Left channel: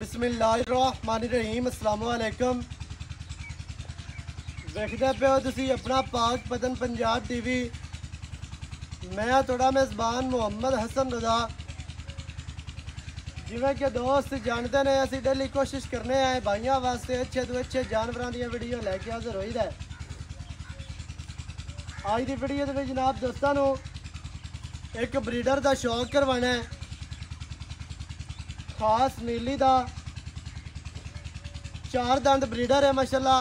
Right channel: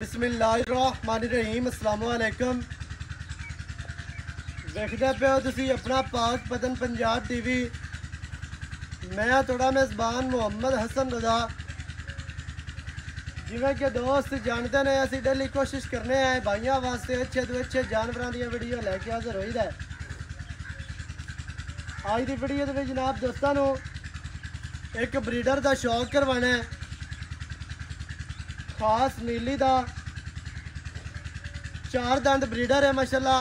बिस्मिल्लाहिर्रहमानिर्रहीम अस्सलाम वालेकुम। देखते पे हो तुसी अपना पाक पतन पंजाब टीवी। मैं थोड़ा मेज़बान मोहम्मद हसन रजा। जिवें कि दोस्त जानते ने असी डेली कोशिश करने आए भाइयों वास्ते अच्छे तो अच्छे जानवरों दी वीडियो लैके हाज़र होई दा। आज की वीडियो दे विच जनाब दोस्तों नूं एक ब्रीडर का शौक करवाना है, खास नीली दा चार दंद ब्रीडर है माशाल्लाह।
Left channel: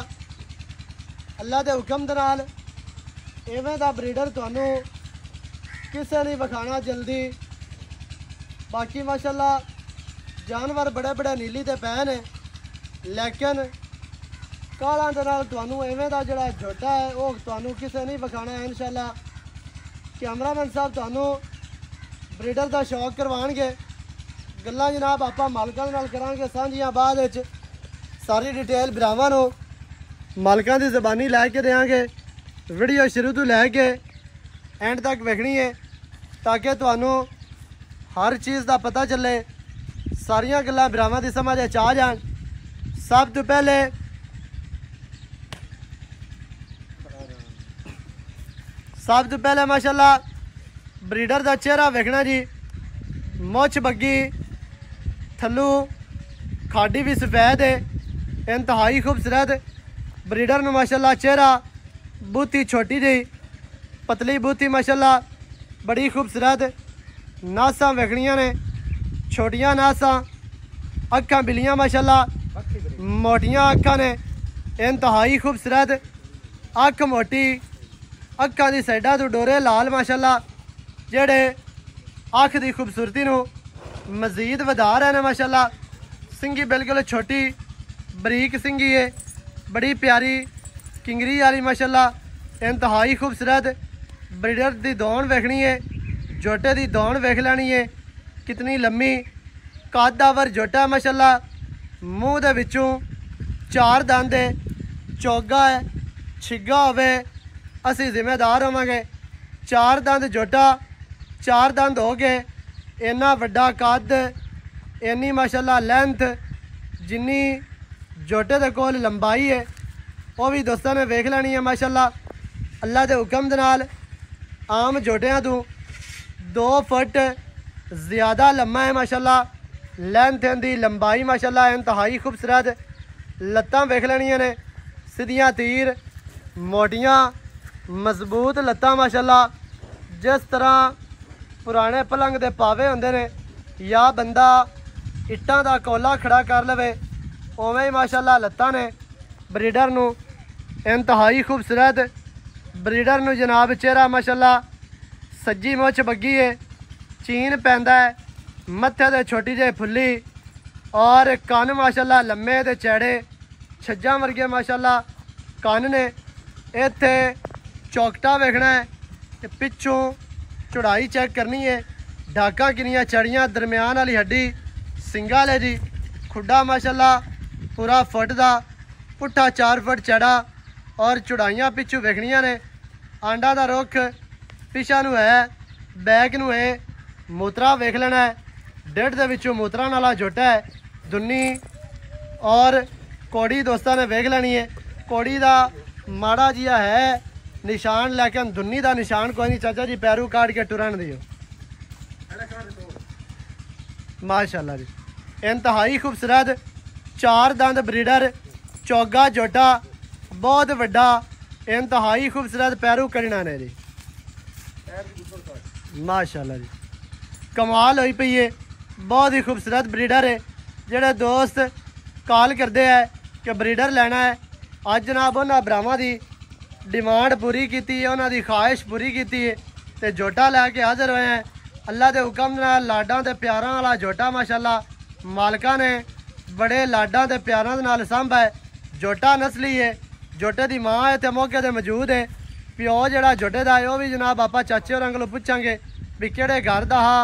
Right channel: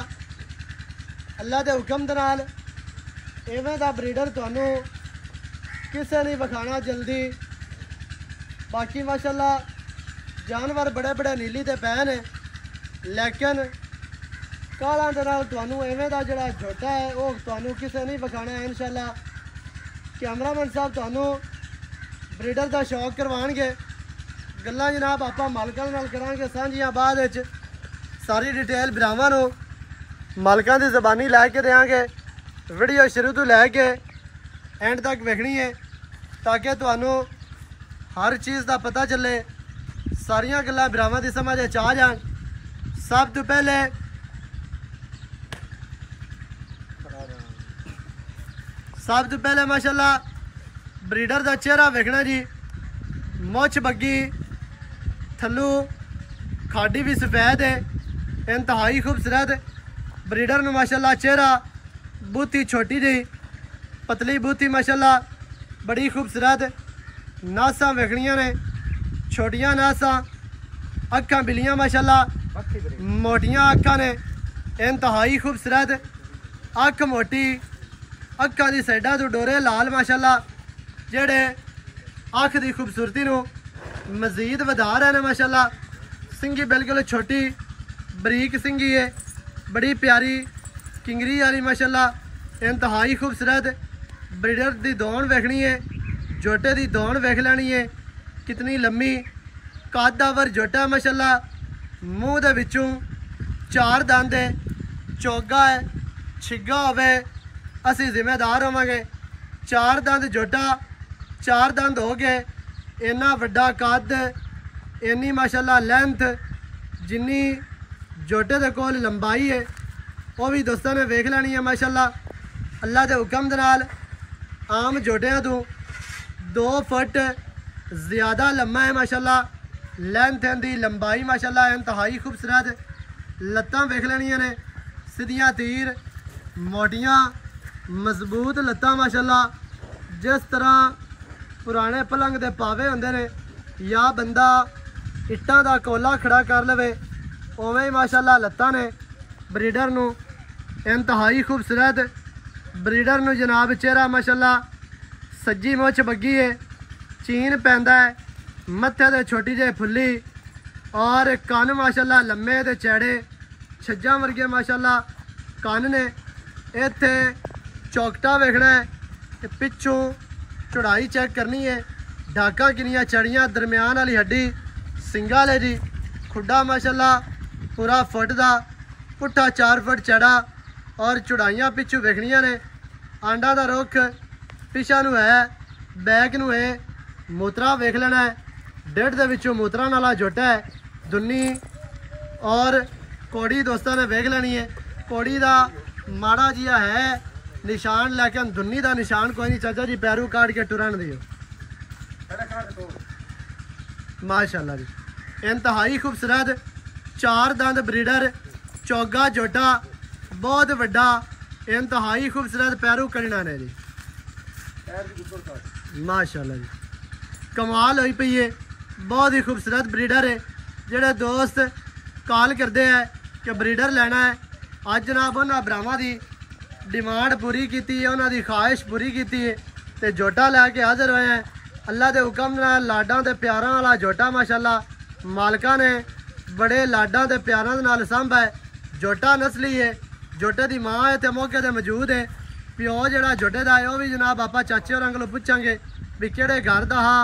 अल्लाह के हुक्म दे नाल इवें दा ब्रीडर तुहानूं किसे नहीं विखाना जल्दी। बाकी माशाल्लाह जानवर बड़े बड़े नीली ते पै ने, लेकिन कालां दे नाल तुहानूं इवें दा जिहड़ा झोटा है वो तुहानूं किसे नहीं विखाना है। इंशाल्लाह कैमरामैन साहब तुहानूं ब्रीडर का शौक करवाएंगे। गल्लां जनाब आपां मालकां नाल करांगे सांझियां, बाद विच सारी डिटेल भरावां नूं मालकां दी ज़बानी लैके देंगे। वीडियो शुरू तो लैके एंड तक वेखनी है ताकि तुहानूं हर चीज़ का पता चले, सारियां गल्लां भरावां दी समझ आ जान। सब तो पहले माशाल्लाह ब्रीडर का चेहरा वेखना जी। मुछ बग्गी, थल्लू खाडी भी सफेद है, इंतहाई खूबसूरत ब्रीडर नूं माशाल्लाह चेहरा बूथी छोटी जी पतली बूथी माशाल्लाह बड़ी खूबसूरत। नासां वेखनियां ने छोटियां नासां, अखां बिलियां माशाल्लाह मोटियां अखां ने, इंतहाई खूबसूरत अख मोटी, अखां दी साइडां तो डोरे लाल माशाल्लाह जेड़े अख दी खूबसूरती नूं मजीद वधा रहे हैं माशाल्लाह। सिंगी बिल्कुल छोटी बरीक सिंगी है, बड़ी प्यारी किंगरी वाली माशाल्लाह, इंतहाई खूबसूरत। ब्रीडर दी दौड़ वेखनी है, जोटे दी दौड़ वेख लेनी है कितनी लम्मी, कदावर जोटा है माशाल्लाह। मूँह दे विचों चार दंद है, चोगा है, छिगा होवे असी जिम्मेदार होवांगे। चार दंद जोटा, चार दंद हो गए, इन्ना वड्डा कद, इन्नी माशाल्लाह लेंथ, जिन्नी जोटे दे कोल लंबाई है वो भी दोस्तों ने वेख लेनी है माशाल्लाह। अल्लाह के हुक्म दे नाल आम जोटियां तो 2 फुट ज़्यादा लम्मा है माशाल्लाह। लेंथ दी लंबाई माशाल्लाह इंतहाई खूबसूरत। लत्तां वेख लेनियां ने सीधियां तीर, मोटियां मजबूत लत्तां माशाल्लाह। जिस तरह पुराने पलंग दे पावे होंदे ने या बंदा इट्टां दा कोला खड़ा कर लवे उवें ही माशाल्लाह लत्तां ने ब्रीडर नूं। इंतहाई खूबसूरत ब्रीडर नूं जनाब चेहरा माशाल्लाह सज्जी मुछ बग्गी है, चीन पैंदा है, मत्थे ते छोटी जी फुल्ली और कन माशाल्लाह लम्मे ते चैड़े, छज्जां वर्गे माशाल्लाह कन ने। इत्थे चौकटा वेखना है, पिछों चौड़ाई चेक करनी है, ढाका किनियां चढ़ियां, दरम्यान वाली हड्डी, सिंगा ले जी, खुड्डा माशाल्लाह पूरा फुट का, पुट्ठा 4 फुट चढ़ा और चौड़ाइयां पिछू वेखनियां ने। आंडा का रुख पिछा नूं है, बैक नूं है, मूत्रा वेख लेना है, डेढ़ दे विचों मूत्रा नाला जोटा है, दुन्नी और कौड़ी दोस्तों ने वेख लेनी है। कौड़ी का माड़ा जिहा है निशान, लेकिन दुन्नी का निशान कोई नहीं। चाचा जी पैरू काट के टुरन दियो माशाल्लाह जी। इंतहाई खूबसूरत चार दंद ब्रीडर, चौगा जोटा बहुत वड्डा, इंतहाई खूबसूरत पैरू कड़ना ने जी माशाल्लाह जी। कमाल होई पई है, बहुत ही खूबसूरत ब्रीडर है। जेड़े दोस्त कॉल करते हैं कि ब्रीडर लेना है, अज जनाब उन्होंने भरावां दी डिमांड पूरी की है, उन्होंने ख्वाहिश पूरी की है तो जोटा लैके हाजिर होए हैं। अल्लाह के हुक्म नाल लाडां ते प्यारां वाला जोटा माशाल्लाह मालका ने बड़े लाडां ते प्यारां दे नाल सांभा है। जोटा नस्ली है, जोटे की माँ है तो मौके पर मौजूद है। प्यो जोड़ा जोटे का है वह भी जनाब आप चाचे होरां कोलों पुछांगे भी किहड़े घर का हा,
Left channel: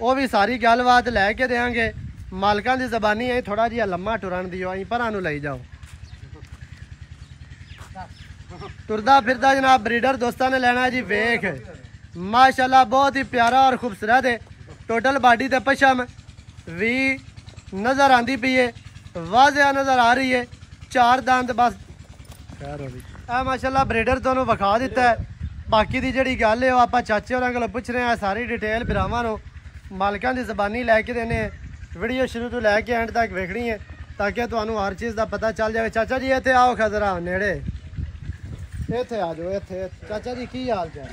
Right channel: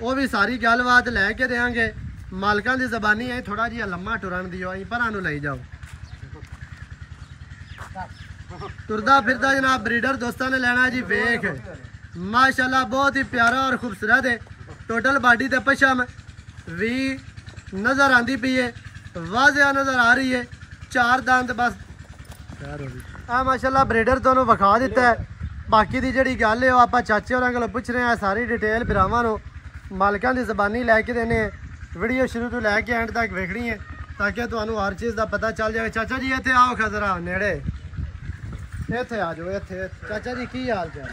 वो भी सारी गलबात लैके देंगे। मालकां दी ज़बानी है, थोड़ा जिहा लम्मा टुरन दिओ, अं भरा नूं लई जाओ। तुरदा फिरदा जनाब ब्रीडर दोस्तों ने लेना है जी। वेख माशाल्लाह बहुत ही प्यारा और खूबसूरत है। टोटल बॉडी ते पशम भी नज़र आती पई है, वाज़िया नज़र आ रही है। 4 दंद बस आ माशाल्लाह ब्रीडर तुहानू विखा दिता है। बाकी की जी गल है आप चाचे होरां कोलों पुछ रहे हैं, सारी डिटेल भरावां नू मालकां दी ज़बानी लैके देने। वीडियो शुरू तो लैके एंड तक वेखनी है ताकि तुहानू हर चीज़ का पता चल जाए। चाचा जी इत्थे आओ, खजरा नेड़े इत्थे आ जाओ। इत्थे चाचा जी की हाल चाल?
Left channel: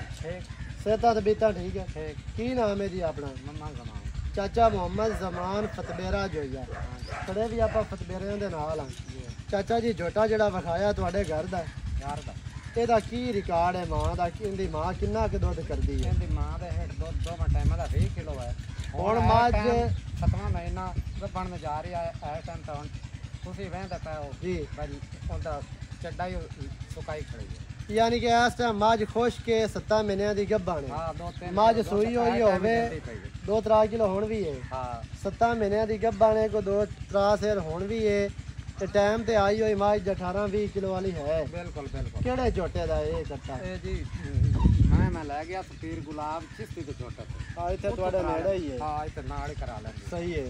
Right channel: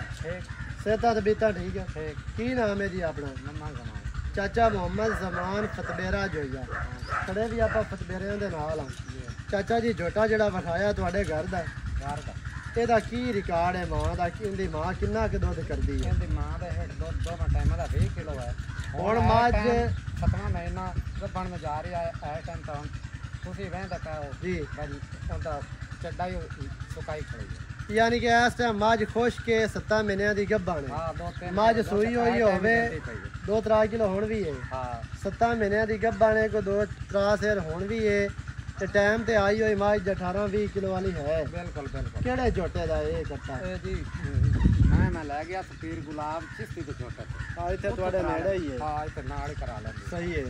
सेहत तबीयत ठीक है? की नाम है जी अपना? चाचा मोहम्मद जमान फतबेरा जोइया। खड़े भी आप फतबेरे दे नाल हाँ। चाचा जी झोटा जिहड़ा विखाया तुहाडे घर दा ਇਹਦਾ ਕੀ ਰਿਕਾਰਡ ਹੈ? ਮਾਂ ਦਾ ਇਹਦੀ ਮਾਂ ਕਿੰਨਾ ਕੁ ਦੁੱਧ ਕਰਦੀ ਹੈ? ਇਹਦੀ ਮਾਂ ਦਾ ਹੈਡ ਦੁੱਧ ਦੋਵਾਂ ਟਾਈਮਾਂ ਦਾ 20 ਕਿਲੋ ਹੈ। ਹੁਣ ਮੱਝ 7ਵਾਂ ਮਹੀਨਾ ਗੱਭਣ ਨੂੰ ਜਾ ਰਹੀ ਹੈ। ਇਸ ਟਾਈਮ ਤਾਂ ਤੁਸੀਂ ਵਹਿੰਦਾ ਪਾਓ ਜੀ ਭਾਜੀ ਉਹਦਾ ਚੱਡਾ ਹੀ ਸੁਕਾਈ ਖੜੀ ਹੈ। ਯਾਨੀ ਕਿ ਇਸ ਟਾਈਮ ਮੱਝ ਖੁਸ਼ ਕੇ 7 ਮਹੀਨਿਆਂ ਦੀ ਗੱਭਣ ਹੈ। ਹਾਂ 2-3 ਮੱਝ ਸੂਈ ਹੋਈ ਹੋਵੇ 2-3 ਕਿਲੋ ਹੁਣ ਵੀ ਹੈ। ਹਾਂ 7 ਮਹੀਨਿਆਂ ਦੀ ਗੱਭਣ ਹੈ, ਕੋਈ 2-3 ਸਿਰ ਹੁਣ ਵੀ ਹੈ ਤੇ ਟਾਈਮ ਤੇ ਆਈ ਹੋਈ ਮੱਝ 18-20 ਕਿਲੋ ਵਾਲੀ ਹੈ। ਬਿਲਕੁਲ ਬਿਲकुल। ਕਿਹੜੇ ਝੋਟੇ ਦਾ ਇਹ ਕੱਟਾ? ਇਹ ਜੀ ਮੈਂ ਲੈ ਗਿਆ ਪੀਰ ਗੁਲਾਬ ਚਿਸ਼ਤੀ ਦੇ ਝੋਟੇ ਤੋਂ। ਆ ਇੱਥੇ ਤੁਹਾਡੇ ਨੇੜੇ ਹੀ ਹੈ। ਹਾਂ ਇੱਥੇ ਨਾਲ ਹੀ ਕਰਾ ਲੈਂਦੇ। ਸਹੀ ਹੈ।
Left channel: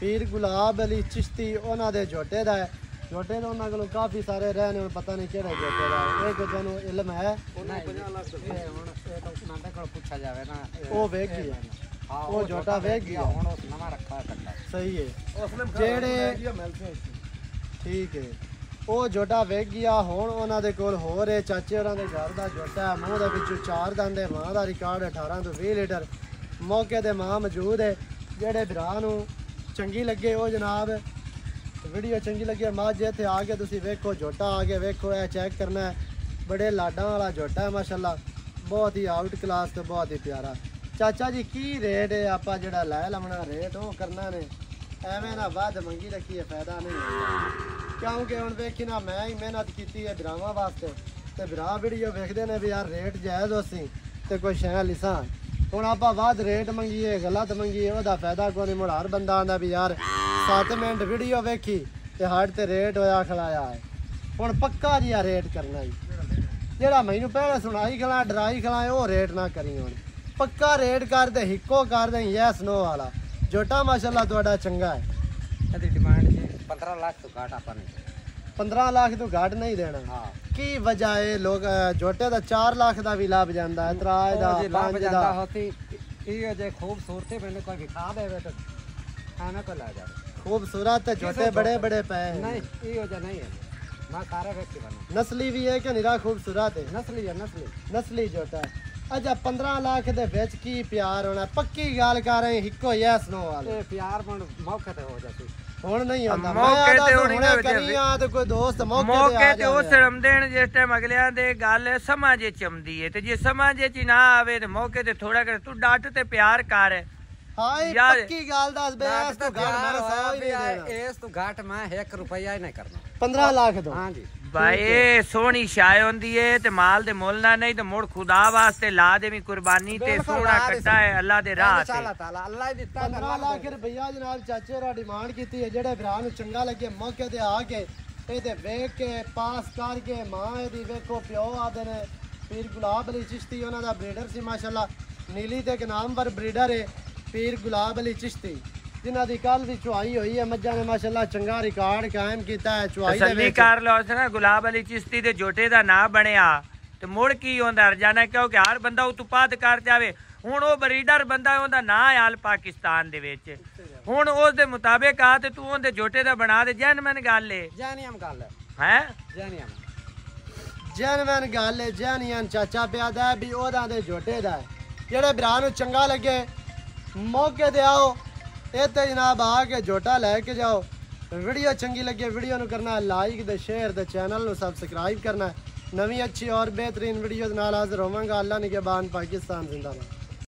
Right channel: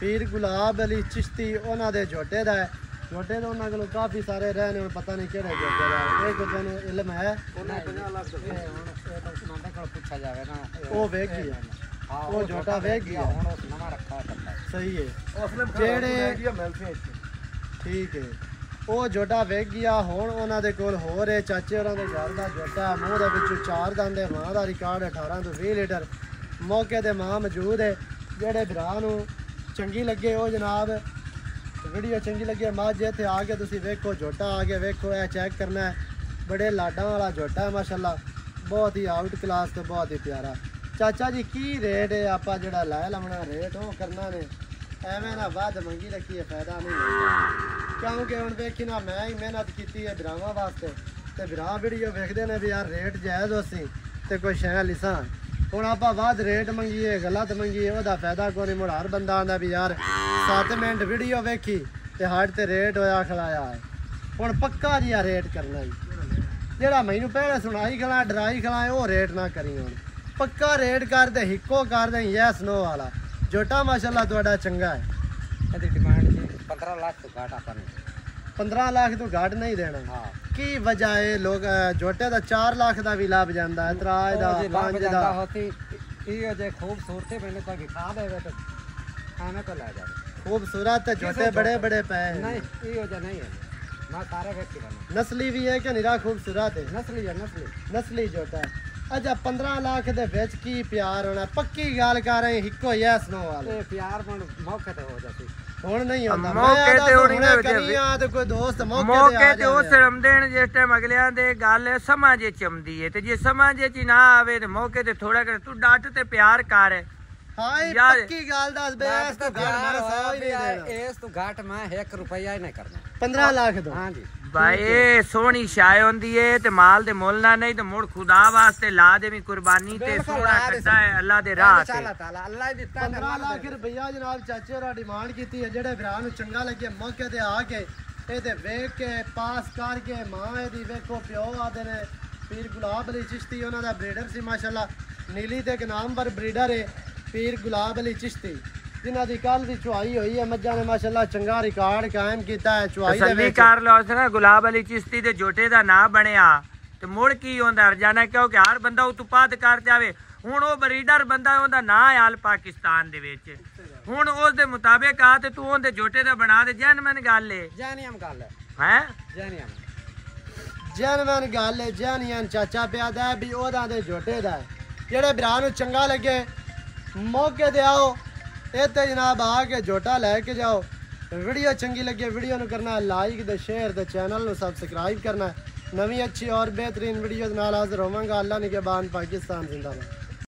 ਪੀਰ ਗੁਲਾਬ ਅਲੀ ਚਿਸ਼ਤੀ ਉਹਨਾਂ ਦੇ ਝੋਟੇ ਦਾ ਹੈ। ਝੋਟੇ ਤਾਂ ਉਹਨਾਂ ਕੋਲ ਕਾਫੀ ਸਾਰੇ ਰਹੇ ਨੇ, ਹੁਣ ਪਤਾ ਨਹੀਂ ਕਿਹੜੇ ਝੋਟੇ ਦਾ ਹੈ। ਇਹ ਕੋਈ ਤੁਹਾਨੂੰ ਇਲਮ ਹੈ? ਉਹਨਾਂ 50 ਲੱਖ ਹੁਣ ਇਹ ਤਾਂ ਉਹਨਾਂ ਕੋਲ ਪੁੱਛਿਆ ਜਾਵੇ ਨਾ। ਉਹ ਵੇਖ ਗਿਆ ਹਾਂ ਉਹ ਝੋਟਾ ਵੇਖ ਗਿਆ। ਹੁਣ ਉਸ ਨਵਾਂ ਰੱਖਾ ਕੱਟਾ। ਸਹੀ ਹੈ। ਜਿਹੜੇ ਠੀਕ ਹੈ ਉਹ ਝੋਟਾ ਵੇਖ ਗਿਆ। ਹੁਣ ਉਹਨਾਂ ਦੇ ਕੋਲ ਹੋਰ ਹੈ ਚਾਚੇ ਹੋਰਾਂ ਦੇ ਘਰ ਦਾ ਝੋਟਾ। ਮੂੰਹ ਦੇ ਵਿੱਚੋਂ 4 ਦੰਦ ਹੈ। ਮਾਂ ਦਾ ਰਿਕਾਰਡ 18 ਤੋਂ 20 ਲੀਟਰ ਮੌਕੇ ਤੇ ਮਾਂ ਮੌਜੂਦ ਹੈ। ਜਿਹੜੇ ਭਰਾ ਨੂੰ ਚੰਗੀ ਲੱਗੇ ਉਹ ਜਨਾਬ ਵੀਡੀਓ ਚੰਗੀ ਲੱਗੇ ਮੱਝ ਇੱਥੇ ਆ ਕੇ ਤੁਸੀਂ ਵੇਖੋ, ਝੋਟਾ ਆ ਕੇ ਵੇਖੋ, ਇਹ ਚੈੱਕ ਕਰਨਾ ਹੈ। ਬੜੇ ਲਾਡਾਂ ਵਾਲਾ ਝੋਟਾ ਹੈ ਮਾਸ਼ਾਅੱਲਾ, ਬਹੁਤ ਹੀ ਆਊਟ ਕਲਾਸ ਤੇ ਬਹੁਤ ਹੀ ਪਿਆਰਾ। ਚਾਚਾ ਜੀ ਕੀ ਰੇਟ ਹੈ? ਆਪਾਂ ਜਿਹੜਾ ਲੈ ਲਵਣਾ ਰੇਟ ਉਹ ਕਰਨਾ ਨੇ, ਐਵੇਂ ਨਾ ਵੱਧ ਮੰਗੀ ਰੱਖੀਏ ਫਾਇਦਾ ਨਹੀਂ ਹੁੰਦਾ। ਕਿਉਂਕਿ ਹੁਣ ਵੇਖੀ ਨਾ ਮੈਂ ਹੀ ਮਿਹਨਤ ਕੀਤੀ ਹੈ ਭਰਾਵਾਂ ਵਾਸਤੇ ਤੇ ਭਰਾ ਵੀਡੀਓ ਵੇਖਦੇ ਨੇ ਵੀ ਯਾਰ ਰੇਟ ਜਾਇਜ਼ ਹੋਸੀ ਤੇ ਕੋਈ ਸ਼ੈ ਲਿਸਾਂ। ਹੁਣ ਆਪਾਂ ਵੱਧ ਰੇਟ ਮੰਗੀਏ ਗਲਤ ਮੰਗੀਏ ਉਹਦਾ ਫਾਇਦਾ ਕੋਈ ਨਹੀਂ। ਮੁੜ ਹਰ ਬੰਦਾ ਆਂਦਾ ਵੀ ਯਾਰ 7 ਮਿੰਟ ਵੀਡੀਓ ਵੇਖੀ ਤੇ ਹੱਟ ਤੇ ਰੇਟ ਹੋਇਆ ਖਲਾਇਆ ਹੈ। ਹੁਣ ਪੱਕਾ ਜਿਹਾ ਰੇਟ ਕਰਨਾ ਜੀ, ਜਿਹੜਾ ਮੈਨੂੰ ਪਹਿਲਾਂ ਸੁਣਾਈ ਖਲਾ ਡਰਾਈ ਖਲਾਏ ਉਹ ਰੇਟ ਨਾ ਕਰੀ। ਹੁਣ ਪੱਕਾ ਰੇਟ ਕਰਦੇ ਹਿੱਕੋ ਕਰਦੇ ਯੈਸ ਨੋ ਵਾਲਾ। ਝੋਟਾ ਮਾਸ਼ਾਅੱਲਾ ਤੁਹਾਡਾ ਚੰਗਾ ਹੈ। ਇਹਦੀ ਡਿਮਾਂਡ ਜੀ 15 ਲੱਖ ਤੋਂ ਘੱਟ ਆਪਾਂ ਨੇ। 15 ਲੱਖ ਤੋਂ ਘੱਟ ਨਹੀਂ ਦੇਣਾ? ਹਾਂ। ਕੀ ਵਜ੍ਹਾ ਹੈ? ਲੋਕ ਝੋਟੇ ਦਾ 4 ਲੱਖ ਦਾ ਵੀ ਲੱਭ ਜਾਂਦਾ ਹੈ, 3 ਦਾ 5 ਦਾ ਹੋਤੀ। ਇਹ ਜੇ ਖੂਬਸੂਰਤੀ ਮੈਨੂੰ ਕੋਈ ਵਿਖਾ ਦੇਵੇ ਤਾਂ ਐਵੇਂ ਕੋ ਲੈ ਜਾਵੇ। खूबसूरत है ਝੋਟੇ बड़े बड़े पे हैं। नहीं ये जो नहीं है मैं सारे व्यक्ति बना। नस्ली भी है कि निरा खूबसूरत है? नस्ली है नस्ली ਝੋਟਾ है। अच्छा 15 लाख दे विच की प्यार होना? पक्की गल कर रहे हिको यस नो वाले। ये प्यार पण मौके ते हो जाती ਹੁਣ ਨਹੀਂ ਹੁੰਦਾ। ਮੌਕੇ ਤੇ ਹੋਣੀ ਨਾ ਕਰੀਆਂ ਤੇ ਕੋਈ ਦੋਸਤ ਮੌਕੇ ਤੇ ਉਹ ਸ਼ਰਮ ਦੇਣ ਜਿਸ ਟਾਈਮ ਅਗਲਿਆਂ ਦੇ ਗੱਲ ਸਮਾਂ ਜੇ ਚਮਦੀ ਹੈ ਤੇ ਜੇ ਸਮਾਂ ਜੇ ਚ ਨਾ ਆਵੇ ਤੇ ਮੌਕੇ ਤੇ ਥੋੜਾ ਕਰ ਤੂੰ ਡੱਟ ਤੇ ਪਿਆਰ ਕਰ। ਹਾਂ ਇਹ ਪੱਕੀ ਗੱਲ ਦੱਸ ਬੇ ਇਸ ਤੋਂ ਘੱਟ ਮੈਂ 100 ਹੀ ਨਹੀਂ ਦੇਣਾ। ਇਸ ਤੋਂ ਘੱਟ ਮੈਂ 1 ਰੁਪਿਆ ਹੀ ਨਹੀਂ ਕਰਨਾ। 15 ਲੱਖ ਦੋ। ਹਾਂ ਜੀ ਭਾਈ ਸੋਹਣੀ ਸ਼ਾਇ ਹੁੰਦੀ ਏ ਤੇ ਮਾਲ ਦੇ ਮੁੱਲ ਨਾ ਨਹੀਂ ਤੇ ਮੁੜ ਖੁਦਾ ਵਾਸਤੇ ਲਾ ਦੇਵੀਂ ਕੁਰਬਾਨੀ ਤੇ ਸੋਹਣਾ ਕੱਟਾ ਹੈ ਅੱਲਾ ਦੇ ਰਾਹ ਤੇ। ਅੱਲਾਹ ਤਾਲਾ ਅੱਲਾਹ ਹੀ ਦਿੱਤਾ। 15 ਲੱਖ ਰੁਪਈਆ ਜਨਾਬ ਚਾਚੇ ਹੋਰਾਂ ਡਿਮਾਂਡ ਕੀਤੀ ਹੈ। ਜਿਹੜੇ ਭਰਾ ਨੂੰ ਚੰਗਾ ਲੱਗੇ ਮੌਕੇ ਤੇ ਆ ਕੇ ਇਹ ਤੇ ਵੇਖ ਕੇ ਪਾਸ ਕਰਕੇ ਮਾਂ ਇਹਦੀ ਵੇਖੋ ਪਿਓ ਆਦੇ ਨੇ ਪੀਰ ਗੁਲਾਬ ਅਲੀ ਚਿਸ਼ਤੀ ਉਹਨਾਂ ਦਾ ਬਰੀਡਰ ਸੀ ਮਾਸ਼ਾਅੱਲਾ। ਨੀਲੀ ਤੇ ਇੱਕ ਨਾਮਵਰ ਬਰੀਡਰ ਹੈ ਪੀਰ ਗੁਲਾਬ ਅਲੀ ਚਿਸ਼ਤੀ ਜਿਨ੍ਹਾਂ ਦੀ ਕੱਲ ਦੀ ਚੁਆਈ ਹੋਈ ਹੈ। ਮੱਝਾਂ ਨੇ ਮਾਸ਼ਾਅੱਲਾ ਚੰਗਾ ਰਿਕਾਰਡ ਕਾਇਮ ਕੀਤਾ ਹੈ ਚੁਆਈ ਦੇ ਵਿੱਚ। ਕਰ ਲਓ ਨਾ ਗੁਲਾਬ ਅਲੀ ਚਿਸ਼ਤੀ ਦੇ ਝੋਟੇ ਦਾ ਨਾਂ ਬਣਿਆ ਤੇ ਮੁੜ ਕੀ ਹੁੰਦਾ ਰਜਾਨਾ ਕਿਉਂਕਿ ਹਰ ਬੰਦਾ ਉਤਪਾਦ ਕਰ ਜਾਵੇ। ਹੁਣ ਉਹ ਬਰੀਡਰ ਬੰਦਾ ਉਹਦਾ ਨਾਂ ਹੈ ਆਲ ਪਾਕਿਸਤਾਨ ਦੇ ਵਿੱਚ। ਹੁਣ ਉਸ ਦੇ ਮੁਤਾਬਿਕ ਆ ਤੇ ਤੂੰ ਉਹਦੇ ਝੋਟੇ ਦਾ ਬਣਾ ਦੇ। ਜੈਨਮਨ ਗੱਲ ਹੈ ਜੈਨੀਅਮ ਗੱਲ ਹੈ ਜੈਨਮਨ ਗੱਲ ਹੈ। ਜੈਨੀਅਨ ਚਾਚਾ ਪਿਆਦਾ ਵੀ ਉਹਦਾ ਦੇ ਝੋਟੇ ਦਾ ਜਿਹੜੇ ਭਰਾ ਨੂੰ ਚੰਗਾ ਲੱਗੇ ਮੌਕੇ ਤੇ ਆਓ ਇੱਥੇ ਜਨਾਬ ਆ ਕੇ ਝੋਟਾ ਲੈ ਕੇ ਜਾਓ। ਵੀਡੀਓ ਚੰਗੀ ਲੱਗੇ ਵੀਡੀਓ ਨੂੰ ਕਰਨਾ ਲਾਈਕ ਤੇ ਸ਼ੇਅਰ ਤੇ ਚੈਨਲ ਨੂੰ ਸਬਸਕ੍ਰਾਈਬ ਕਰਨਾ। ਨਵੀਂ ਅੱਛੀ ਔਰ ਬਿਹਤਰੀਨ ਵੀਡੀਓ ਦੇ ਨਾਲ ਹਾਜ਼ਰ ਹੋਵਾਂਗਾ। ਅੱਲਾ ਨਿਗਹਿਬਾਨ। ਪਾਕਿस्तान जिंदाबाद।